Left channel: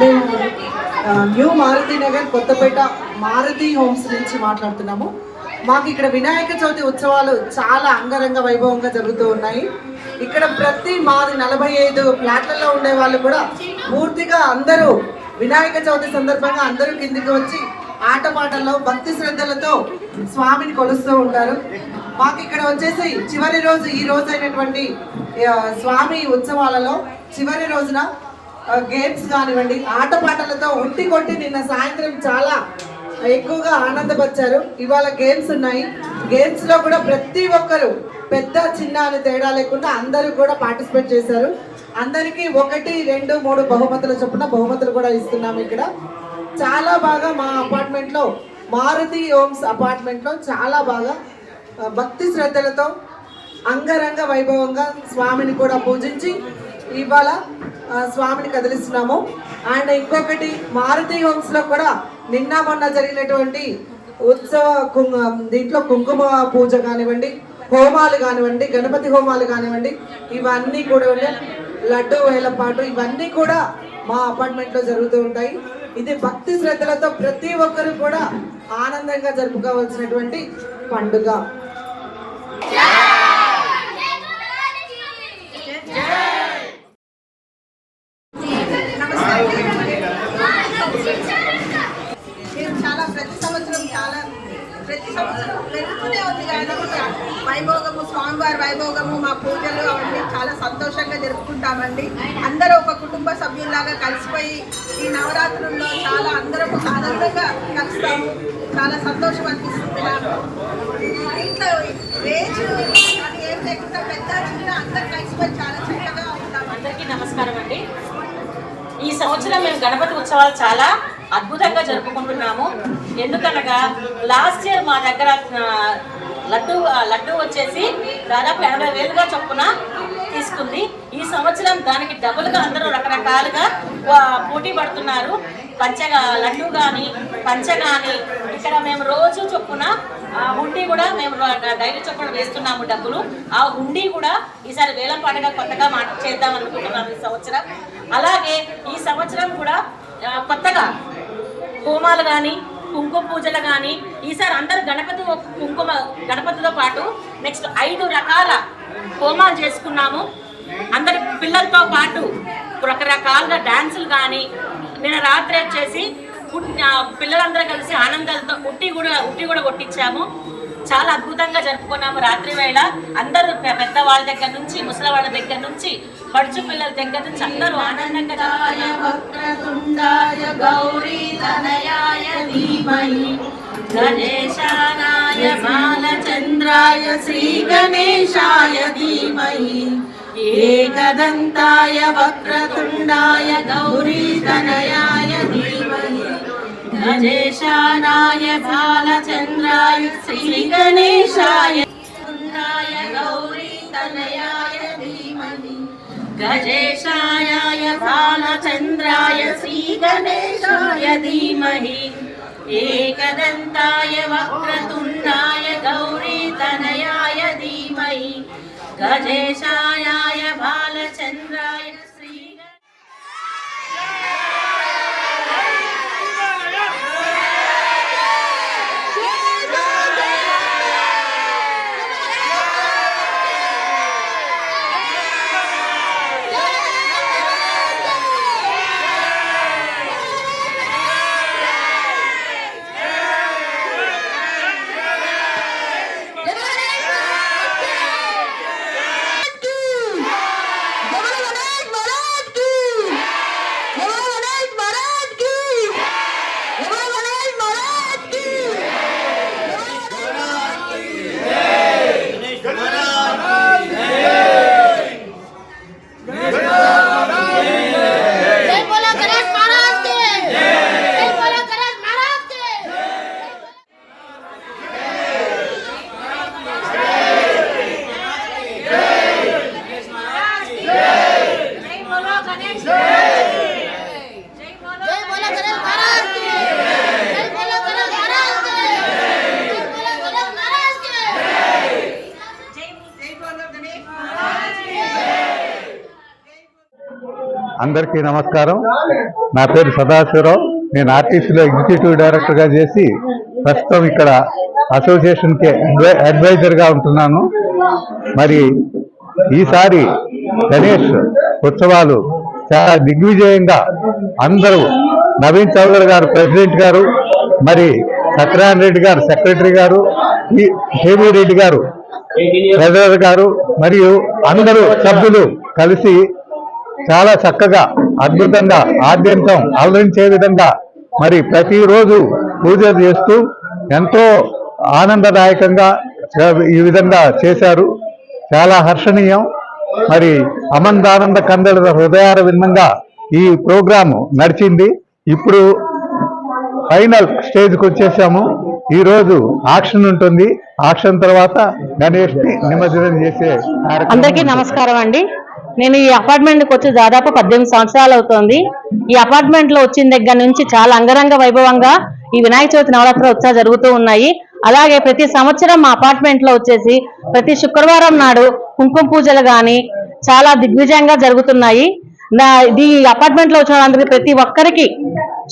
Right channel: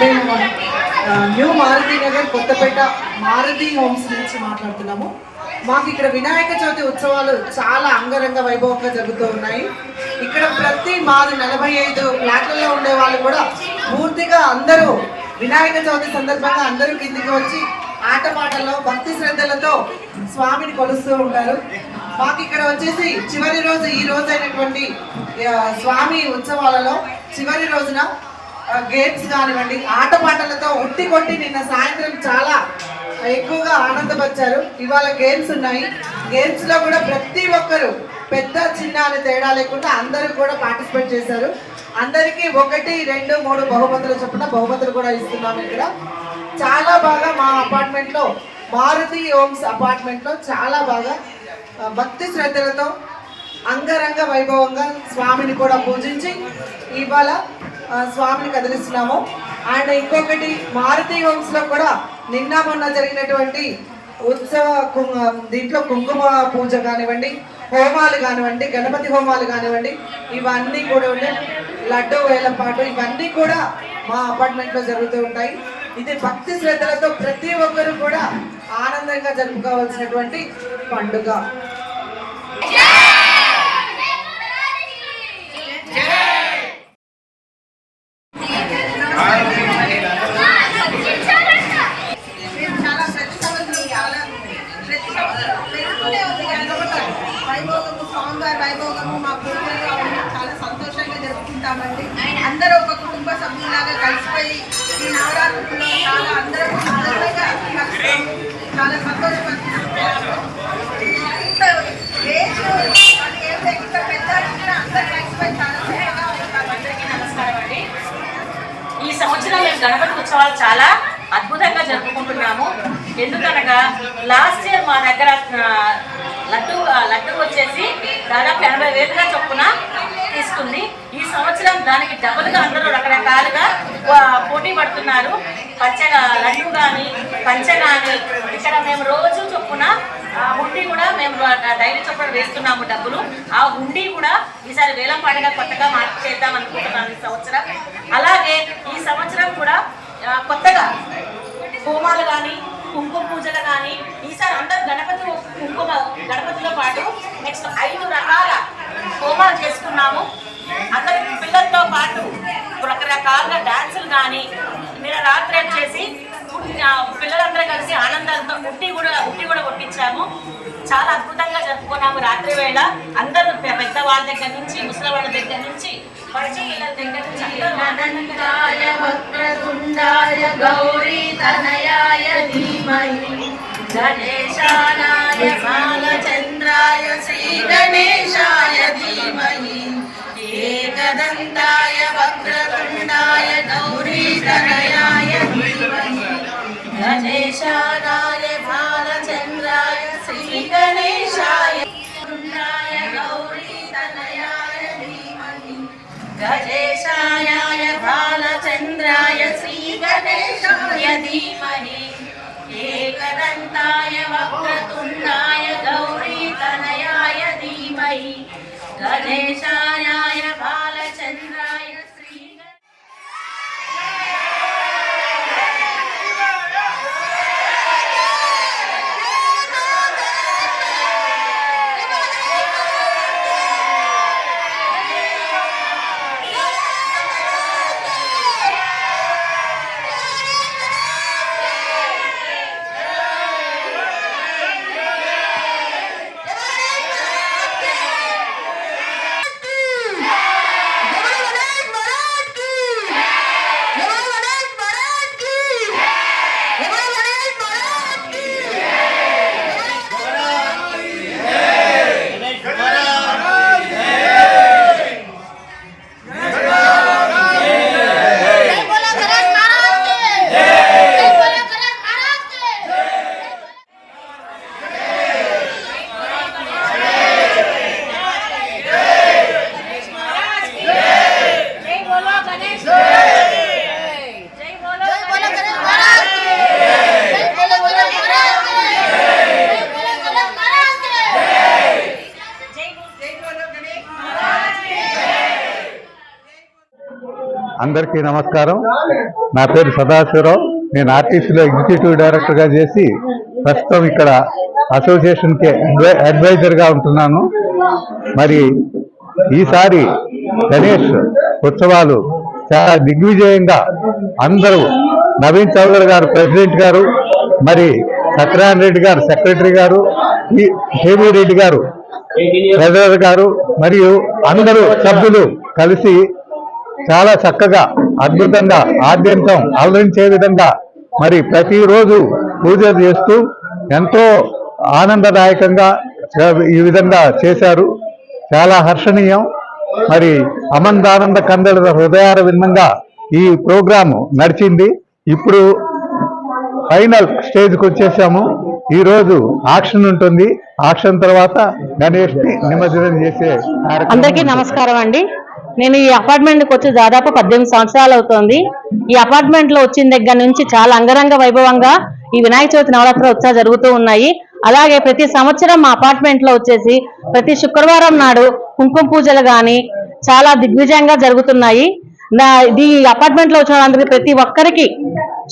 మేము new Maruti Nagar Kothapeta Maruti homes నుంచి మాట్లాడుతున్నాము. మాకు ఇక్కడ వినాయక చవితి ఉత్సవాలు చాలా అంగరంగ వైభవంగా జరుగుతూ ఉన్నాయి. ఇక్కడ ప్రతి మాది 45 ఫ్లాట్లలో ఉండే వాళ్ళు కూడా పూర్తిగా అందరూ వినాయక చవితి సందర్భంగా అందరూ కిందికి వచ్చి ఆటపాటల్లో భక్తి శ్రద్ధలతో స్వామిని కొలుస్తూ ఉంటారు. మాకు ఇక్కడ వచ్చేసి చివరి రోజు ఈ రోజు అయినటువంటి స్వామి ఉత్సవాలలో చివరి రోజున గేమ్స్ కానివ్వండి, ఆటపాటలతో ఉట్టి కొట్టి నిన్న సాయంత్రం చాలా ఎక్కువగా ఆనందపరిచారు. ఇవాళ గేమ్స్ ఉన్నాయి. గేమ్స్ లో కూడా ప్రతి ఒక్కరు పెద్ద చిన్న అని తేడా లేకుండా అందరూ కూడా పార్టిసిపేట్ చేశారు. అందరికీ 1, 2, 3 బహుమతులు చొప్పున బహుమతులు కూడా ఇస్తున్నాము. ఇక్కడ చాలా బాగా మా అపార్ట్మెంట్ లో మారుతి హోమ్స్ అపార్ట్మెంట్ లో చాలా బాగా భక్తి శ్రద్ధలతో అంగరంగ వైభవంగా స్వామిని కూడా పూజించి ఇవాళ స్వామిని కదిలిస్తున్నాము. అండ్ ఇంకొకటి మారుతి హోమ్స్ లో కూడా నిన్న మొన్న జరిగినటువంటి ఉత్సవ దీంట్లో కుంకుమ పూజ కానివ్వండి, హోమాలు కానివ్వండి, గణపతి హోమాలు కానివ్వండి, ఇవన్నీ కూడా ఉండే లడ్డు వేలపాటు ఇవన్నీ కూడా మా అపార్ట్మెంట్ లో జరుగుతూ ఉంటాయి. ఇది భక్తి శ్రద్ధలతో ప్రతి ఒక్కరు కూడా ఆనందంగా జరుపుకోవాల్సినటువంటి పండుగ. వైభోగము, స్వామివారి వైభోగము, మా పూజలు అవన్నీ చాలా సంతోషంగా జరుపుకుంటామండి. అందరూ ఒక కుటుంబ సభ్యులాగా కలిసిపోయి ఈ నవరాత్రుల్లో చాలా అందరూ ఆనందంగా కలుస్తాము. చాలా సంతోషం అనిపిస్తుంది. ఇంత ఏజ్ ఎంత పెద్ద అందరూ కలిసిపోయి చాలా చక్కగా ఉంటాం. అందరికీ నమస్కారం అండి. ఈ సంవత్సరం మేము గణపతి ఉత్సవాలు చాలా అద్భుతంగా జరుపుకుంటున్నాము. ఎందుకనగా లాస్ట్ ఇయర్ మా దగ్గర లడ్డు వచ్చేసి దాదాపు 80,000గా చొప్పున తీసుకుంది. ఈ సంవత్సరం దానికి డబుల్గా అందరూ రకరకాలుగా పోటీ పడుతున్నారు. లడ్డు కానీ పంచె కానీ ఇక్కడ మేము రోజు చొప్పున హుండీ కూడా మేము డైలీ చొప్పున వేస్తున్నాము డబ్బులు. ఆ హుండీ కూడా ఈసారి వేలం పాటగా కొత్తగా చేద్దాం అనుకుంటున్నాను ఈ సంవత్సరం. అలాగే ఈ సంవత్సరం కూడా కొత్తగా హోమాలు కానీ, కుంకుమ పూజలు కానీ ఈసారి అందరూ గణపతిలో పాటు నెక్స్ట్ 5 రకాల హోమాలు చేసుకున్నాము. అందరు పిల్లలతో పాటు రకరకాలుగా డాన్సులు కానీ నిన్న రాత్రి వచ్చేసి పిల్లలందరూ కలిసి ఆనందాలతో ఉట్టి కూడా కొట్టించాము. చాలా అద్భుతంగా జరుపుకున్నాము. రాత్రి వేళ అందరూ పెద్దవాళ్ళ దగ్గర నుంచి ముసలి వాళ్ళ దగ్గర నుంచి పడుచు పిల్లల దగ్గర నుంచి అందరూ ఆనందంగా గౌరీ తనయాయ ధీమహి గణేశాయ బాలచంద్రాయ శ్రీ గణేశాయ ధీమహి ఏకదంతాయ వక్రతుండాయ గౌరీ తనయాయ ధీమహి గణేశాయ బాలచంద్రాయ శ్రీ గణేశాయ గౌరీ తనయాయ ధీమహి గజేశాయ బాలచంద్రాయ శ్రీ గణేశాయ ధీమహి ఏకదంతాయ వక్రతుండాయ గౌరీ తనయాయ ధీమహి గణేశాయ బాలచంద్రాయ శ్రీ అందరికీ నమస్కారం. నా పేరు సదాశివరావు. నేను ఆర్టీసీలో ఎగ్జిక్యూటివ్ డైరెక్టర్గా చేసి ప్రస్తుతం ఇక్కడ అసోసియేషన్కి అడ్వైజర్గా ఉంటున్నాను. మరి ఈసారి గణేష్ ఉత్సవాలు చాలా దిగ్విజయంగా అందరూ నవీన్ చౌదరి గారు ప్రెసిడెంట్ గారు, మరి సత్యనారాయణ రెడ్డి గారు సెక్రటరీ గారు, హేమీ రెడ్డి గారు ట్రెజరర్ గారు మరియు అందరూ సభ్యులు కలిసి చాలా చక్కగా అద్భుతంగా ఆద్యంతం అలరించే విధంగా మరి ప్రతిరోజు పూజలు చేస్తూ ఎంతో ఆనందదాయకంగా ఈ విధంగా చేశారు. చాలా హర్షణీయం. మరి అమందానంద కందల హృదయార విన్నంగా ఈ ప్రోగ్రాము నడిచింది. ఇప్పుడు ఫైనల్ స్టేజ్కి వచ్చేసాము. ఈరోజు ఆక్షన్ ఉంటుంది. ఆక్షన్ తర్వాత గణేష్ ని నిమజ్జనం చేసే అందరికీ నమస్కారం అండి. నేను ఈ అపార్ట్మెంట్కి వచ్చి దాదాపు 18 సంవత్సరాలు అవుతోంది. ఈ అపార్ట్మెంట్ లో వచ్చిన దగ్గర నుంచి చాలా అంగరంగ వైభవంగా ఈ వినాయక చవితి నవరాత్రి ఉత్సవాలు జరుగుతూ ఉన్నాయి. అలాగే ప్రతి సంవత్సరం మా అపార్ట్మెంట్ లో వచ్చేసి ప్రతి శుక్రవారం నాడు కుంకుమ పూజలు గాని చాలా దిగ్విజయంగా జరుగుతున్నాయి. ఈ అపార్ట్మెంట్ లో వచ్చిన వాళ్ళందరికీ ప్రతి ఒక్కరికి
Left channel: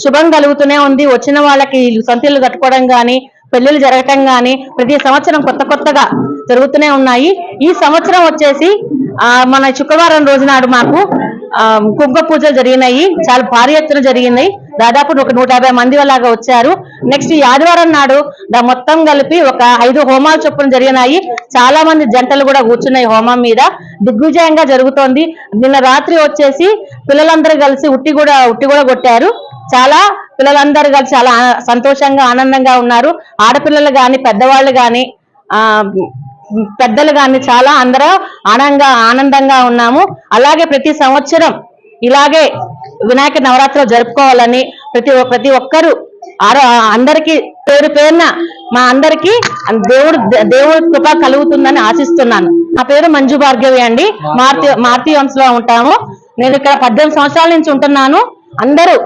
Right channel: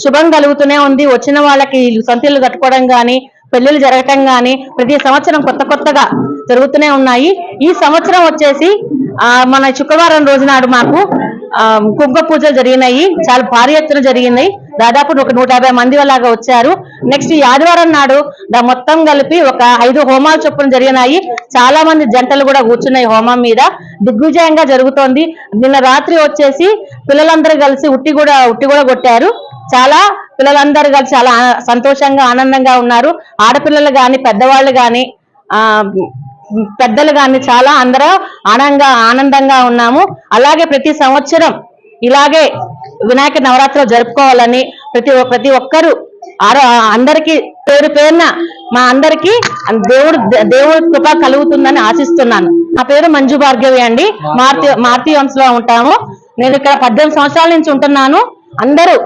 శుభం కలుగుతూనే ఉంది. వచ్చిన వాళ్ళకి సొంతిల్లు కట్టుకోవడం గాని, పెళ్లిళ్ళు జరగటం గాని ప్రతి సంవత్సరం కొత్తగా జరుగుతూనే ఉన్నాయి. ఈ సంవత్సరం వచ్చేసి మన శుక్రవారం రోజు నాడు మాకు కుంకుమ పూజలు జరిగినాయి. చాలా భారీ ఎత్తున జరిగినాయి. దాదాపు 150 మంది అలాగా వచ్చారు. నెక్స్ట్ ఈ ఆదివారం నాడు మొత్తం కలిపి ఒక 5 హోమాలు చొప్పున జరిగినాయి. చాలా మంది జంటలు కూడా కూర్చున్నాయి హోమం మీద. దిగ్విజయంగా జరుగుతోంది. నిన్న రాత్రి వచ్చేసి పిల్లలందరూ కలిసి ఉట్టి కూడా కొట్టారు. చాలా పిల్లలందరూ కలిసి చాలా సంతోషంగా ఆనందంగా ఉన్నారు. ఆడపిల్లలు గాని పెద్దవాళ్ళు గాని పెద్దలు గాని చాలా అందరూ ఆనందంగా ఉన్నాము. అలాగే ప్రతి సంవత్సరం ఇలాగే వినాయక నవరాత్రులు జరుపుకోవాలని ప్రతి ఒక్కరూ అందరికీ పేరున మా అందరికీ దేవుడి కృప కలుగుతుందని ఆశిస్తున్నాను. నా పేరు మంజు భార్గవి అండి. మార్తి వంశలో ఉంటాము. నేను ఇక్కడ 18 సంవత్సరాల నుంచి ఉంటున్నాను. అందరూ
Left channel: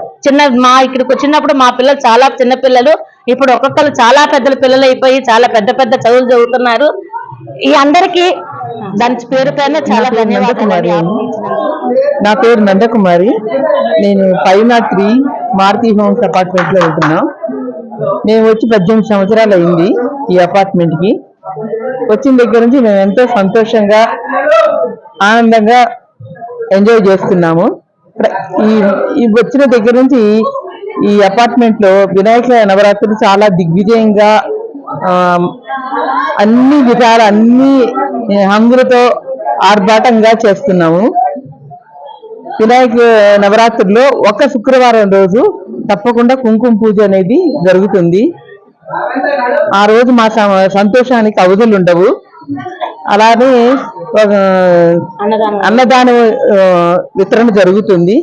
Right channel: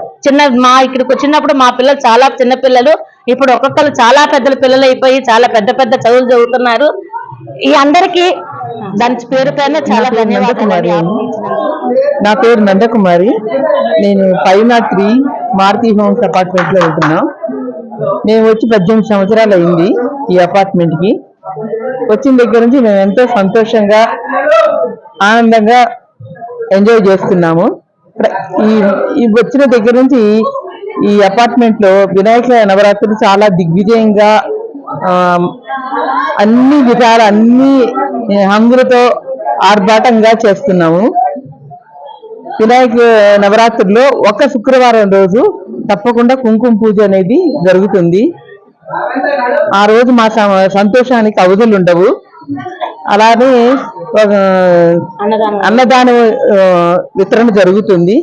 ఇక్కడికి వచ్చినప్పుడు మా పిల్లలు చాలా చిన్న పిల్లలు, ఇప్పుడు ఒక్కొక్కరు చాలా పెద్ద పిల్లలు అయిపోయి చాలా పెద్ద చదువులు చదువుతున్నారు. ఈ అందరికీ దాని పేరుపైన చాలా ధన్యవాదాలు. నా పేరు నందకుమారి. నేను 503 మారుతి హోమ్స్ అపార్ట్మెంట్ లో ఉంటున్నాం. మేము వచ్చి 18 సంవత్సరాలు అయింది ఈ అపార్ట్మెంట్ కి. వచ్చిన దగ్గర నుంచి మేము ఎంతో సంతోషంగా ఆనందంగా ఎంజాయ్ చేస్తున్నాము. ఈ వచ్చిన దగ్గర నుంచి ఈ అపార్ట్మెంట్ లో వినాయక నవరాత్రులు చాలా దిగ్విజయంగా అన్ని విధాలు అన్ని హంగులతో ఆర్భాటంగా చేస్తున్నాము. వినాయక నవరాత్రుల్లో ఒక శుక్రవారం రోజు తప్పకుండా కుంకుమ పూజ అనేది జరుగుతుంది. ఆ రోజు మా సంతోషానికి అవధులు ఉండవు. అలానే అన్నదాన వితరణ జరుగుతుంది.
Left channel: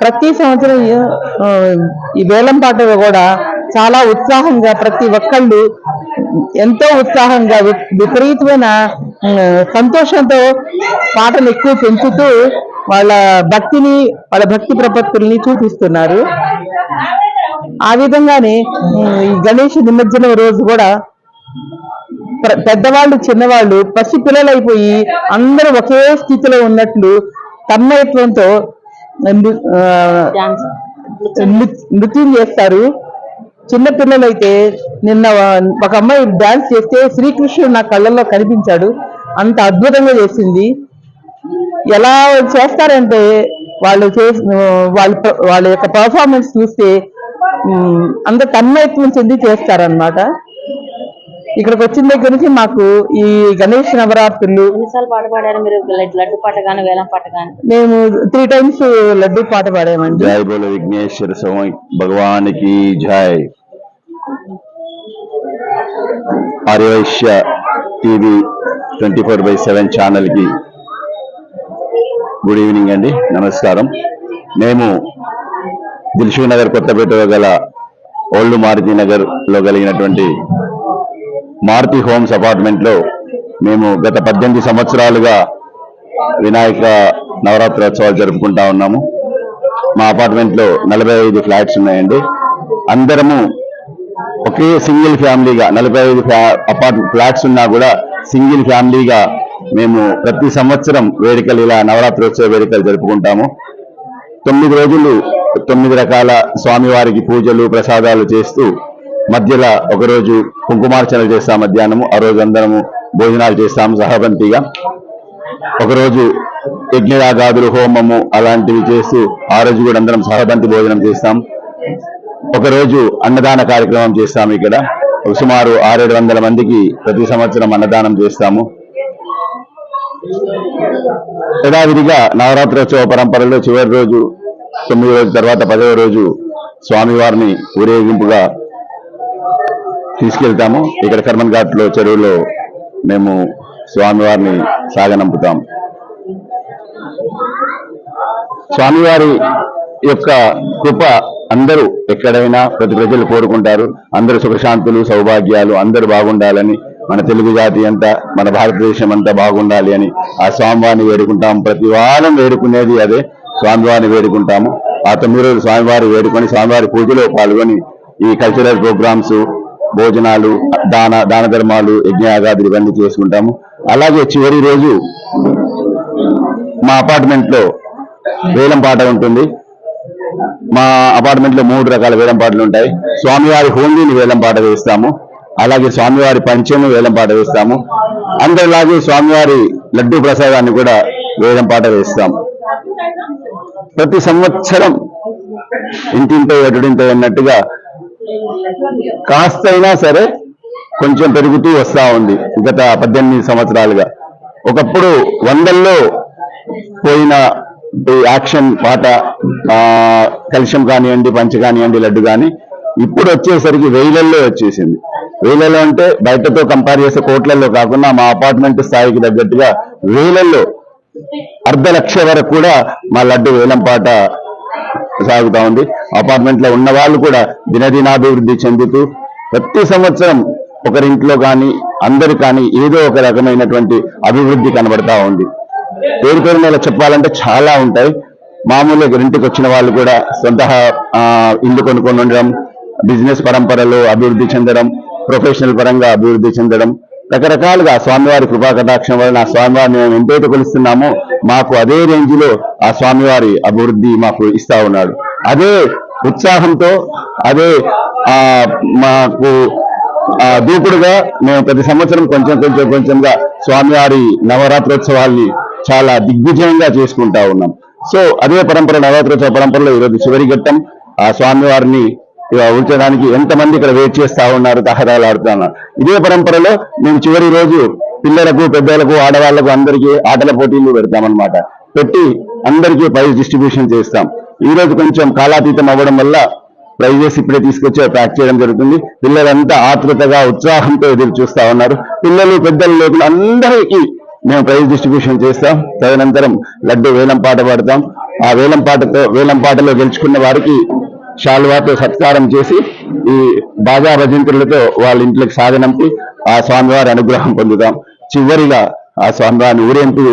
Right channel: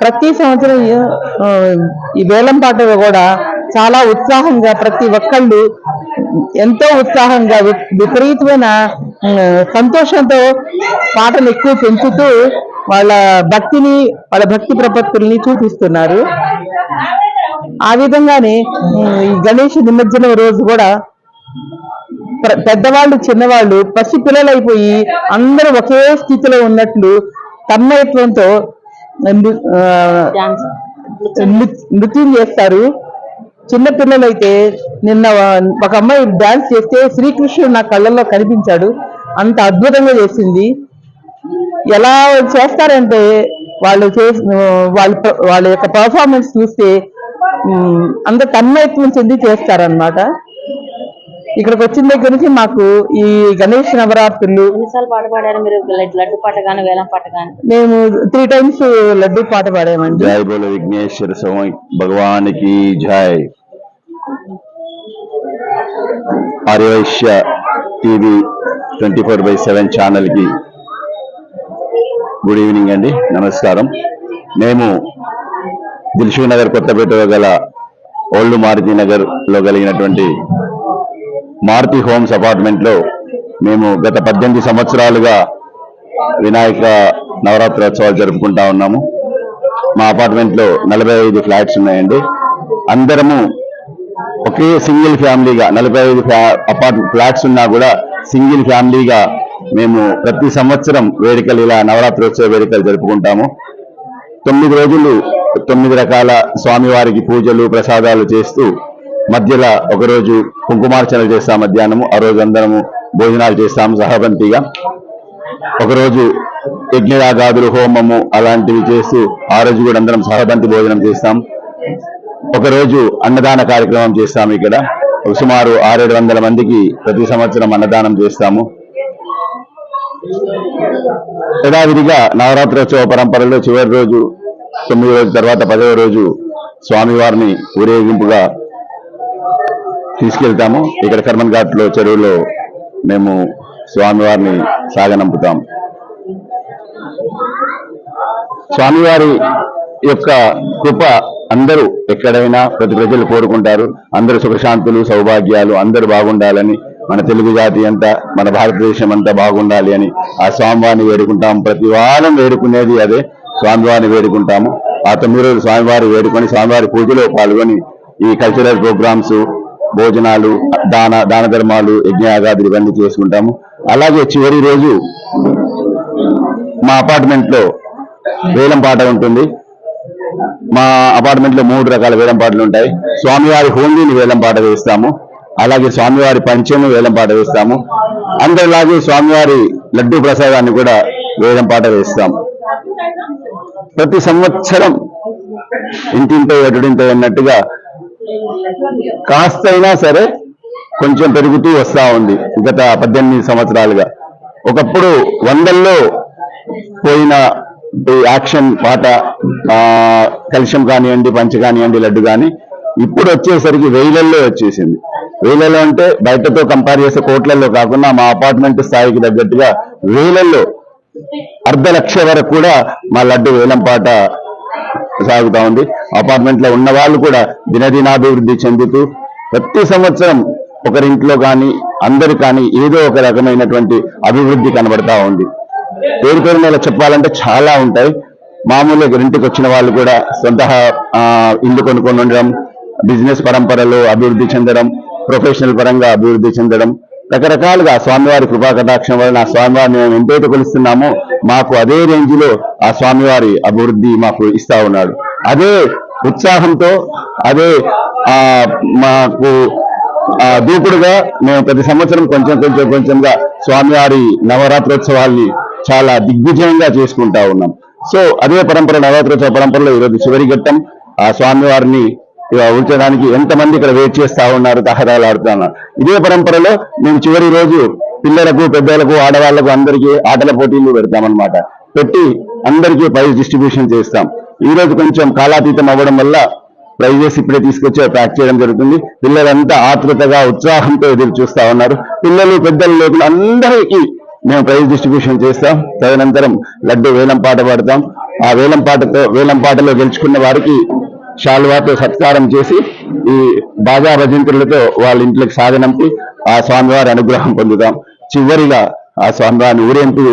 ప్రతి సంవత్సరం ఈ వేలంపాట కూడా చాలా ఉత్సాహంగా ప్రతి ఒక్కళ్ళు ఎంతో ఉత్సాహంగా విపరీతమైన సంతోషంతో పాటలు ఎక్కువ పెంచుతూ వాళ్ళ భక్తి ప్రపత్తుల్ని చూపిస్తున్నారు. ఆ విధంగానే ఈ గణేష్ నిమజ్జనం రోజు కూడా పెద్దవాళ్ళు చిన్నవాళ్ళు పసి పిల్లలు అయిపోయి అందరూ ఒకే స్థితిలో ఉన్నట్లు తన్మయత్వంతో నృత్యం చేస్తారు. చిన్న పిల్లలైతే నిన్న ఒక అమ్మాయి డాన్స్ చేస్తే శ్రీకృష్ణుడు నా కళ్ళల్లో కనిపించాడు. అంత అద్భుతంగా చేసింది. ఎలా చేస్తారంటే వాళ్ళ యొక్క పర్ఫార్మెన్స్ చూస్తే అంత తన్మయత్వం చెంది చేస్తారనమాట. ఇక్కడికి వచ్చిన దగ్గర నుంచి మాకు ఈ గణేష్ నవరాత్రులు పాట పాడారు మీరు? లడ్డు పాట కానీ వేలం పాట కానీ? మేము 3 times లడ్డు పాట పాడామండి. జై బోలో విఘ్నేశ్వర స్వామి భగవానికి జై. ఆర్యవైశ్య టీవీ 24/7 ఛానల్ కి గుడ్ ఈవినింగ్ అండి, నమస్కారం. మేము దిల్సుఖ్ నగర్ కొత్తపేటలో గల ఓల్డ్ మారుతి నగర్ లో కలిగినటువంటి మారుతి హోమ్స్ అపార్ట్మెంట్ లో మేము గత 18 సంవత్సరాలుగా వినాయక నవరాత్రోత్సవాలు జరుపుకుంటా ఉన్నాము. మా అపార్ట్మెంట్ లో 45 ఫ్లాట్స్ ఉన్నాయండి. అందరము ఒకే సింగిల్ ఫ్యామిలీగా 45 ఫ్లాట్స్ ఉన్నా కూడా సింగిల్ ఫ్యామిలీగా మేము ప్రతి సంవత్సరం వేడుకలు ఇలా నవరాత్రోత్సవ వేడుకలు జరుపుకుంటాము. 9 రోజులు 9 రకాల స్వామివారికి పూజలు ప్రసాదాలు చేస్తూ మధ్యలో ఒకరోజు కుంకుమార్చనలు చేస్తాం మధ్యాహ్నము, ఆ రోజు అందరము భోజనాలు చేస్తాము సహబంతిగా. ఒకరోజు యజ్ఞయాగాదులు హోమము అలాంటివి చేస్తూ ఆ రోజు కూడా అందరం సహబంతి భోజనం చేస్తాం. ఒకరోజు అన్నదాన కార్యక్రమం చేస్తాము. ఇక్కడ సుమారు 600-700 మందికి ప్రతి సంవత్సరం అన్నదానం చేస్తాము. యథావిధిగా నవరాత్రోత్సవ పరంపరలో చివరి రోజు 9 రోజుల తర్వాత 10వ రోజు స్వామివారిని ఊరేగింపుగా తీసుకెళ్తాము. ఇక్కడ కర్మన్ ఘాట్లో చెరువులో మేము స్వామివారిని సాగనంపుతాం. స్వామివారి యొక్క కృప అందరూ ఎక్కడైనా ప్రతి ప్రజలు కోరుకుంటారు. అందరూ సుఖశాంతులు సౌభాగ్యాలు అందరూ బాగుండాలని, మన తెలుగు జాతి అంతా మన భారతదేశం అంతా బాగుండాలి అని ఆ స్వామివారిని వేడుకుంటాము. ప్రతి వారం వేడుకునేది అదే, స్వామివారిని వేడుకుంటాము. ఆ 9 రోజులు స్వామివారి వేడుకొని స్వామివారి పూజలో పాల్గొని ఈ కల్చరల్ ప్రోగ్రామ్స్, భోజనాలు, దాన ధర్మాలు, యజ్ఞయాగాదులు ఇవన్నీ చేసుకుంటాము. అలాగే చివరి రోజు మా అపార్ట్మెంట్ లో వేలం పాట ఉంటుంది. మా అపార్ట్మెంట్ లో 3 రకాల వేలం పాటలు ఉంటాయి. స్వామివారి హోండీని వేలం పాట వేస్తాము. అలాగే స్వామివారి పంచెను వేలం పాట వేస్తాము. అందరిలాగే స్వామివారి లడ్డూ ప్రసాదాన్ని కూడా వేలం పాట వేస్తాము. ప్రతి సంవత్సరం ఇంటింటో ఎటుడింటో అన్నట్టుగా కాస్తైనా సరే కొంచెం పెరుగుతూ వస్తా ఉంది గత 18 సంవత్సరాలుగా. ఒకప్పుడు 100ల్లో పోయిన యాక్షన్ పాట, కలుషం కానివ్వండి, పంచ కానివ్వండి, లడ్డు కానీ ఇప్పుడు వచ్చేసరికి 1000ల్లో వచ్చేసింది. 1000ల్లో అంటే బయటతో కంపేర్ చేస్తే కోట్లలో కాకుండా మా అపార్ట్మెంట్ స్థాయికి తగ్గట్టుగా 1000ల్లో 1,00,000 వరకు కూడా మా లడ్డు వేలం పాట సాగుతా ఉంది. అపార్ట్మెంట్ లో ఉన్న వాళ్ళు కూడా దినదినాభివృద్ధి చెందుతూ ప్రతి సంవత్సరం ఒకరింట్లో కానీ అందరు కానీ ఏదో ఒక రకమైనటువంటి అభివృద్ధి కనబడతా ఉంది. పేరు పేరు మీద చెప్పాలంటే చాలా ఉంటాయి. మామూలుగా ఇంటికి వచ్చిన వాళ్ళు కూడా సొంత ఇల్లు కొనుక్కొని ఉండడం, బిజినెస్ పరంపరలో అభివృద్ధి చెందడం, ప్రొఫెషనల్ పరంగా అభివృద్ధి చెందడం, రకరకాలుగా స్వామివారి కృపా కటాక్షం వలన ఆ స్వామివారిని మేము ఎంతైతే కొలుస్తున్నామో మాకు అదే రేంజ్ లో ఆ స్వామివారి అభివృద్ధి మాకు ఇస్తా ఉన్నాడు. అదే ఉత్సాహంతో అదే మాకు దూకుడుగా మేము ప్రతి సంవత్సరం కొంచెంగా స్వామివారి నవరాత్రోత్సవాల్ని చాలా దిగ్విజయంగా చేసుకుంటా ఉన్నాం. సో అదే పరంపర, నవరాత్రోత్సవ పరంపరలో ఈరోజు చివరి ఘట్టం. ఆ స్వామివారిని ఉంచడానికి ఎంతమంది ఇక్కడ వెయిట్ చేస్తా ఉన్నారు, తహరాలాడుతున్నారు. ఇదే పరంపరలో మేము చివరి రోజు పిల్లలకు, పెద్దలకు, ఆడవాళ్లకు అందరికీ ఆటల పోటీలు పెడతామన్నమాట. పెట్టి అందరికీ ప్రైజ్ డిస్ట్రిబ్యూషన్ చేస్తాం. ఈ రోజు కొంచెం కాలాతీతం అవ్వడం వల్ల ప్రైజెస్ ఇప్పుడే తీసుకొచ్చి ప్యాక్ చేయడం జరుగుతుంది. పిల్లలంతా ఆతృతగా, ఉత్సాహంతో ఎదురు చూస్తా ఉన్నారు. పిల్లలు, పెద్దలు లేకుండా అందరికీ మేము ప్రైజ్ డిస్ట్రిబ్యూషన్ చేస్తాం. తదనంతరం లడ్డు వేలం పాట పాడతాం. ఆ వేలం పాటలో గెలుచుకున్న వారికి శాలువాతో సత్కారం చేసి ఈ బాజా భజంతులతో వాళ్ళ ఇంట్లోకి సాగనంపి ఆ స్వామివారి అనుగ్రహం పొందుతాం. చివరిగా ఆ స్వామివారిని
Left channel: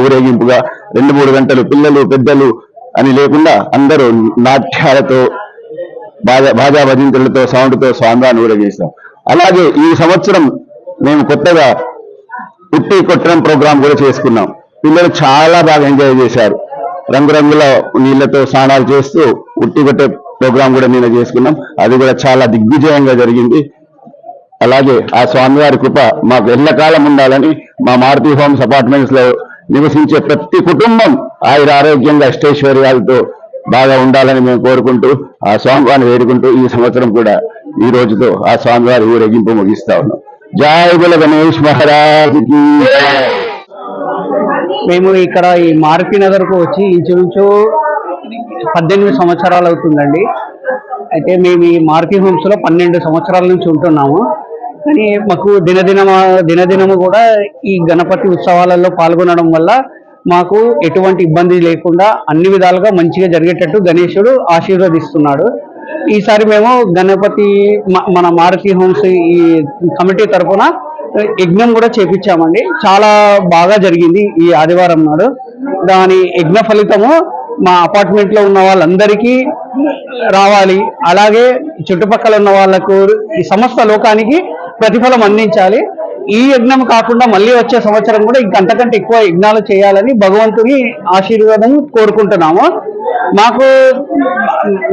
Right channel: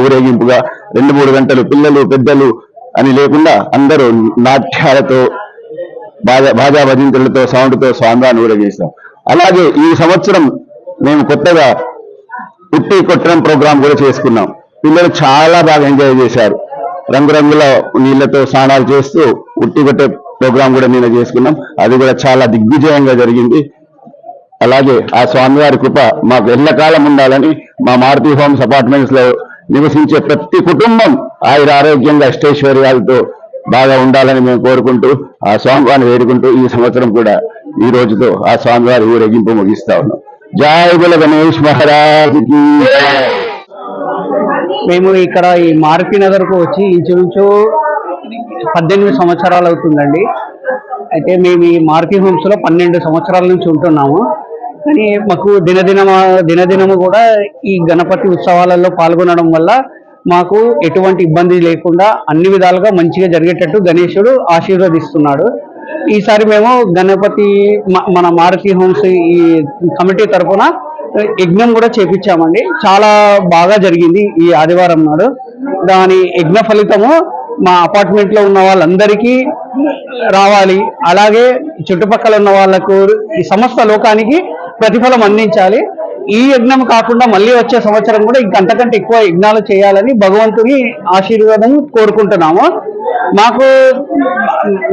ఊరేగింపుగా 2-3 గంటలు పిల్లలు, పెద్దలు అని లేకుండా అందరూ నాట్యాలతో, బాజా భజంతులతో, సౌండ్తో స్వామివారిని ఊరేగిస్తాం. అలాగే ఈ సంవత్సరం మేము కొత్తగా ఉట్టి కొట్టడం ప్రోగ్రాం కూడా చేసుకున్నాం. పిల్లలు చాలా బాగా ఎంజాయ్ చేశారు. రంగురంగుల నీళ్లతో స్నానాలు చేస్తూ ఉట్టి కొట్టే ప్రోగ్రాం కూడా నేను చేసుకున్నాం. అది కూడా చాలా దిగ్విజయంగా జరిగింది. అలాగే ఆ స్వామివారి కృప మాకు ఎల్లకాలం ఉండాలని మా మారుతి హోమ్స్ అపార్ట్మెంట్స్ లో నివసించే ప్రతి కుటుంబం ఆరోగ్యంగా అష్టైశ్వర్యాలతో బాగా ఉండాలని మేము కోరుకుంటూ ఆ స్వామివారిని వేడుకుంటూ ఈ సంవత్సరం కూడా ఈ రోజుతో ఆ స్వామివారి ఊరేగింపు ముగిస్తా ఉన్నాం. జై బుల గణేష్ మహారాజ్ కి. మేము ఇక్కడ ఈ మారుతి నగర్కు వచ్చి ఇంచుమించు 18 సంవత్సరాలు అవుతుందండి. అయితే మేము ఈ మారుతి హోమ్స్ లో 12 సంవత్సరాల నుంచి ఉంటున్నాము. కానీ మాకు దినదినము కూడా ఈ గణపతి ఉత్సవాలలో పాల్గొనడం వల్ల మాకు ఎటువంటి ఇబ్బంది లేకుండా అన్ని విధాలుగా మంచిగా జరిగేటట్టు గణేశుడు ఆశీర్వదిస్తున్నాడు. ఈసారి మేము గణపతి మన మారుతి హోమ్స్ ఈ కమిటీ తరఫున యజ్ఞం కూడా చేపించామండి. చాలా బాగా జరిగింది ఈ ఆదివారం నాడు. దాని యజ్ఞ ఫలితము మా అపార్ట్మెంట్ లో ఉన్న వాళ్ళందరికీ రావాలి. అలాగే చుట్టుపక్కల ఉన్న వాళ్ళకు, ఈ సమస్త లోకానికి ప్రతిఫలం అందించాలి. ఈ యజ్ఞం కాకుండా మళ్ళీ వచ్చే సంవత్సరం కూడా ఇంకంతకంటే ఎక్కువ యజ్ఞాలు చేయాలని భగవంతుని ఆశీర్వాదం కోరుకుంటున్నాము. మాకు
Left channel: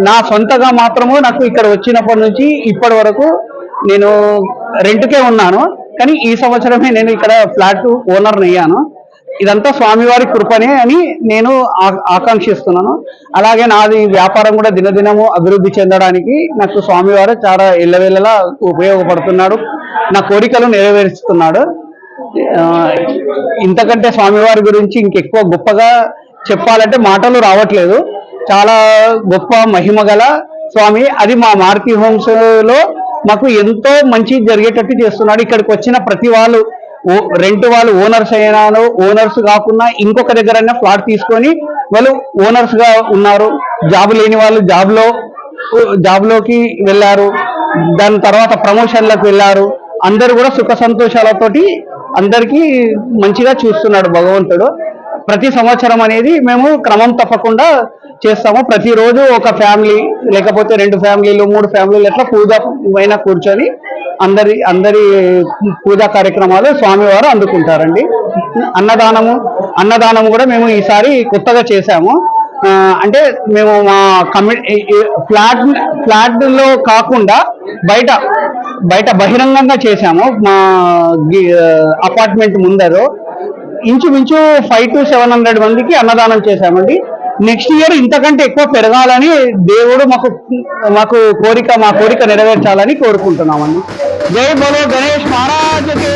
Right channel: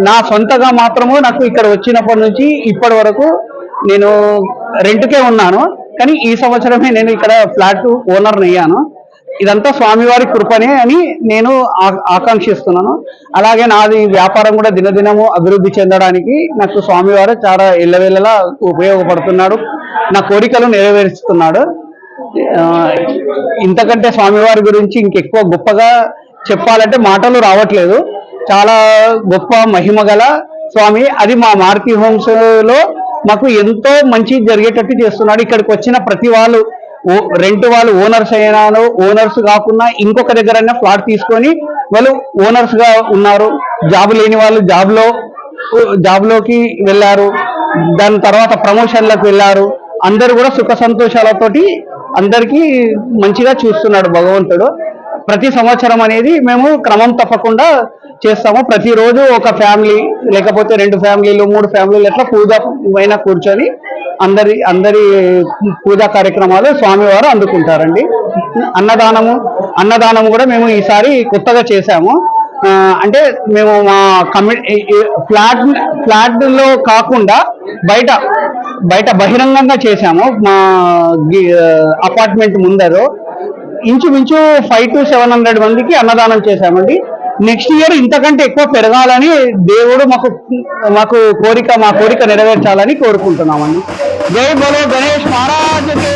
నా సొంతగా మాత్రము నాకు ఇక్కడ వచ్చినప్పటి నుంచి ఇప్పటి వరకు నేను రెంట్కే ఉన్నాను. కానీ ఈ సంవత్సరమే నేను ఇక్కడ ఫ్లాట్ ఓనర్ని అయ్యాను. ఇదంతా స్వామివారి కృపనే అని నేను ఆకాంక్షిస్తున్నాను. అలాగే నాది వ్యాపారం కూడా దినదినము అభివృద్ధి చెందడానికి నాకు స్వామివారు చాలా ఎల్లవేళలా ఉపయోగపడుతున్నాడు, నా కోరికలు నెరవేరుస్తున్నాడు. ఇంతకంటే స్వామివారి గురించి ఇంకెక్కువ గొప్పగా చెప్పాలంటే మాటలు రావట్లేదు. చాలా గొప్ప మహిమ గల స్వామి. అది మా మారుతి హోమ్స్ లో మాకు ఎంతో మంచి జరిగేటట్టు చేస్తున్నాడు. ఇక్కడికి వచ్చిన ప్రతి వాళ్ళు రెంట్ వాళ్ళు ఓనర్స్ అయినాను, ఓనర్స్ కాకుండా ఇంకొక దగ్గర ఫ్లాట్ తీసుకొని వాళ్ళు ఓనర్స్ గా ఉన్నారు. జాబ్ లేని వాళ్ళు జాబ్లోకి వెళ్ళారు, దాని తర్వాత ప్రమోషన్లకు వెళ్ళారు. అందరూ కూడా సుఖ సంతోషాలతోటి అందరికీ మంచిగా చూస్తున్నాడు భగవంతుడు. ప్రతి సంవత్సరం అనేది మేము క్రమం తప్పకుండా చేస్తాము. ప్రతిరోజు ఒక ఫ్యామిలీ లేకపోతే 2 ఫ్యామిలీలు 3 ఫ్యామిలీలు ఎట్లా పూజ పైన కూర్చొని అందరి పూజా కార్యక్రమాలు స్వామివారు అందుకుంటారండి. అన్నదానము కూడా మేము ఈసారి కొత్తగా చేశాము. అంటే మేము మా ఫ్లాట్ లో కాకుండా బయట బహిరంగంగా చేశాము. మా అపార్ట్మెంట్ ముందరు ఇంచుమించు 500 to 700 మందికి అన్నదానం చేశామండి. నెక్స్ట్ ఇయర్ ఇంతకంటే ఎక్కువ పెరగాలని దేవుడు మా కోరిక నెరవేర్చాలని కోరుకుంటున్నామండి. జై బోలో గణేష్ మహారాజ్కి.